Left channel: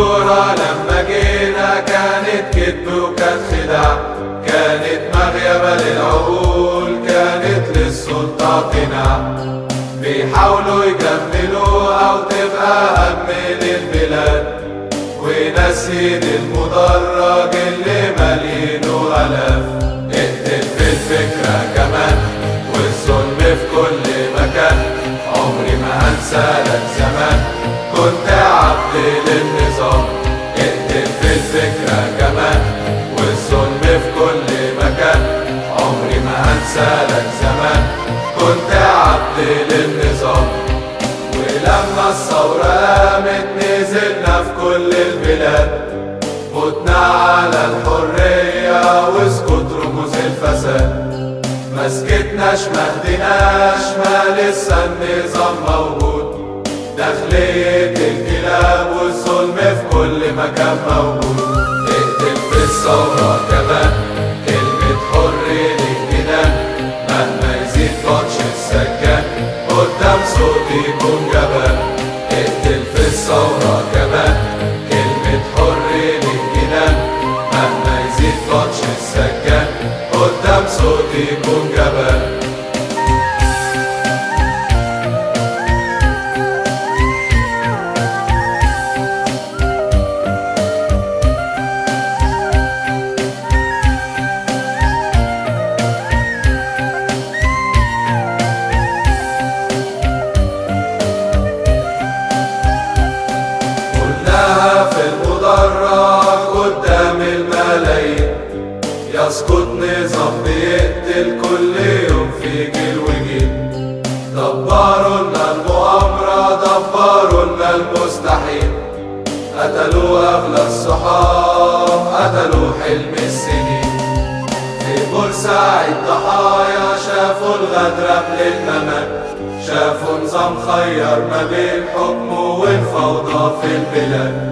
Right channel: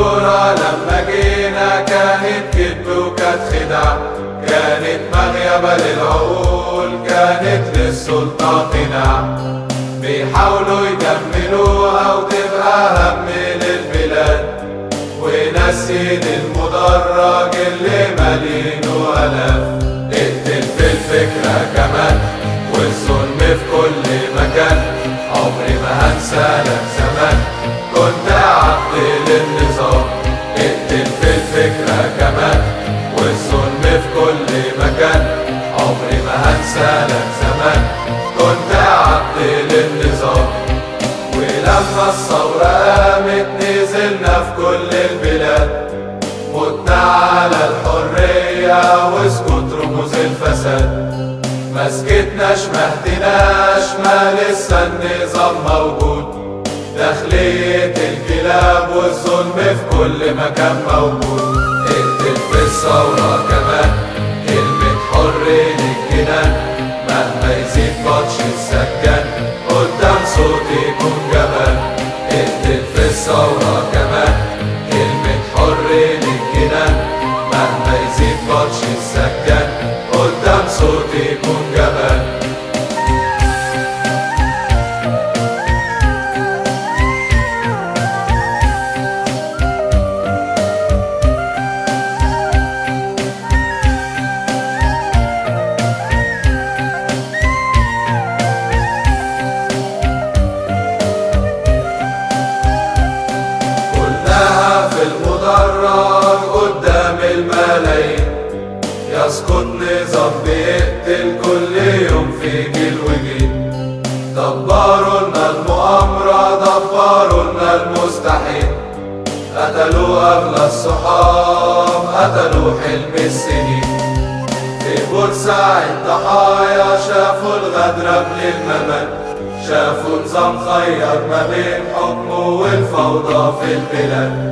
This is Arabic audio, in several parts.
الكورة لما جينا كانت كدب وكانت خداع، كانت مغيبة للعقول، كانت للسلطة قناع. بيحاولوا يكملوها وتبقى هم للبلاد، ونسيد المدرج اللي مالينه آلاف. اقتل في الفكرة كمان والظلم في كل مكان، عمري ما هنسى لك زمان كنت عبد للنظام. اقتل في الفكرة كمان والظلم في كل مكان، عمري ما هنسى لك زمان كنت عبد للنظام. ولما الثورة قامت نزلنا في كل البلاد، قدنا على الحرية واسكت رموز الفساد. ما سكتناش ما هديناش، ما لسه النظام موجود، داخلية الكلاب والظلم في كل مكان موجود. اقتل في الثورة كمان كلمة حر للجنان، مهما يزيد بطش السجان قدام صوتي يكون جبان. اقتل في الثورة كمان كلمة حر للجنان، مهما يزيد بطش السجان قدام صوتي يكون جبان. يسقط نظام بيقتل كل يوم في جيل وجيل. دبروا لنا المؤامرة، دبروا لنا المستحيل، قتلوا أغلى الصحاب، قتلوا حلم السنين. في بورسعيد ضحايا شافوا الغدر قبل الممات، شافوا نظام خير ما بين حكمه والفوضى في البلاد.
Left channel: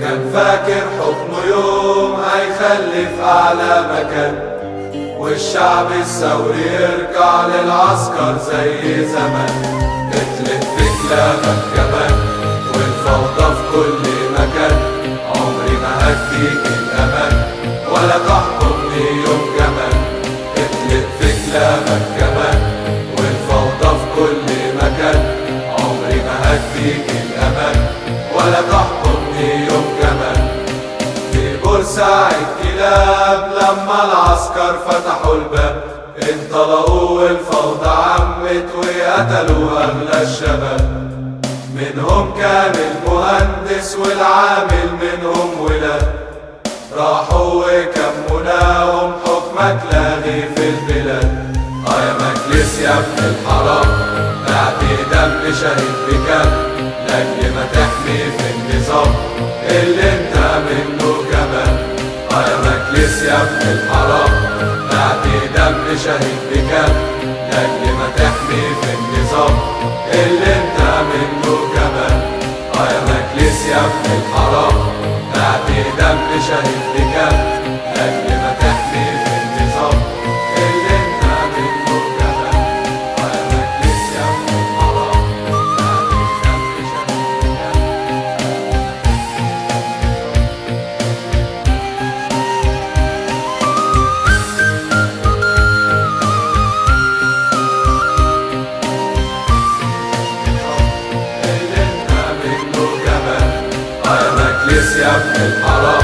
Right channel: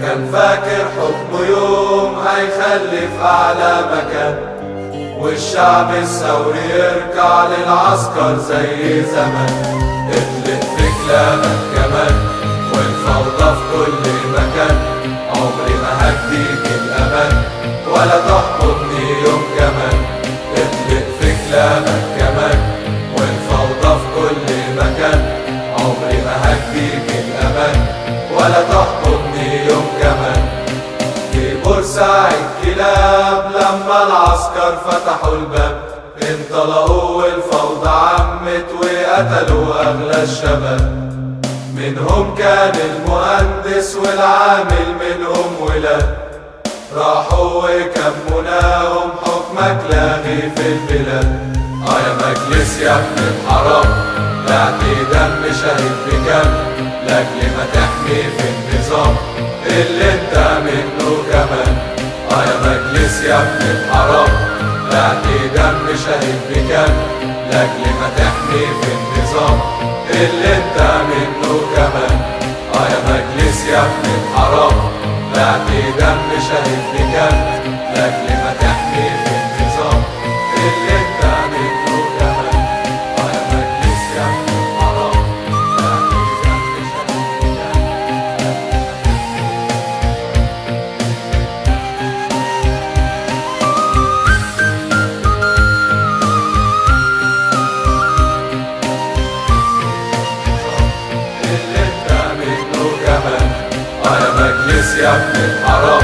كان فاكر حكمه يوم هيخلف أعلى مكان، والشعب الثوري يرجع للعسكر زي زمان. اطلق في كلامك كمان والفوضى في كل مكان، عمري ما هديك الأمان ولا تحكمني يوم كمان. اطلق في كلامك كمان والفوضى في كل مكان، عمري ما هديك الأمان ولا تحكمني يوم كمان. في بورسعيد كلاب لما العسكر فتحوا الباب، انطلقوا والفوضى عمت وقتلوا أغلى الشباب. منهم كان المهندس والعامل منهم ولاد، راحوا وكموناهم حكمك لاغي في البلاد. يا مجلس يا ابن الحرام بعت دم شهيد بكام، لاجل ما تحمي في النظام اللي انت منه كمان. يا مجلس يا ابن الحرام بعت دم شهيد بكام، لاجل ما تحمي في النظام اللي انت منه كمان. يا مجلس يا ابن الحرام بعت دم شهيد بكام، لاجل ما تحمي في النظام اللي انت منه كمان. يا مجلس يا ابن الحرام بعت دم شهيد بكام، اللي انت منه كمان. يا مجلس يا ابن الحرام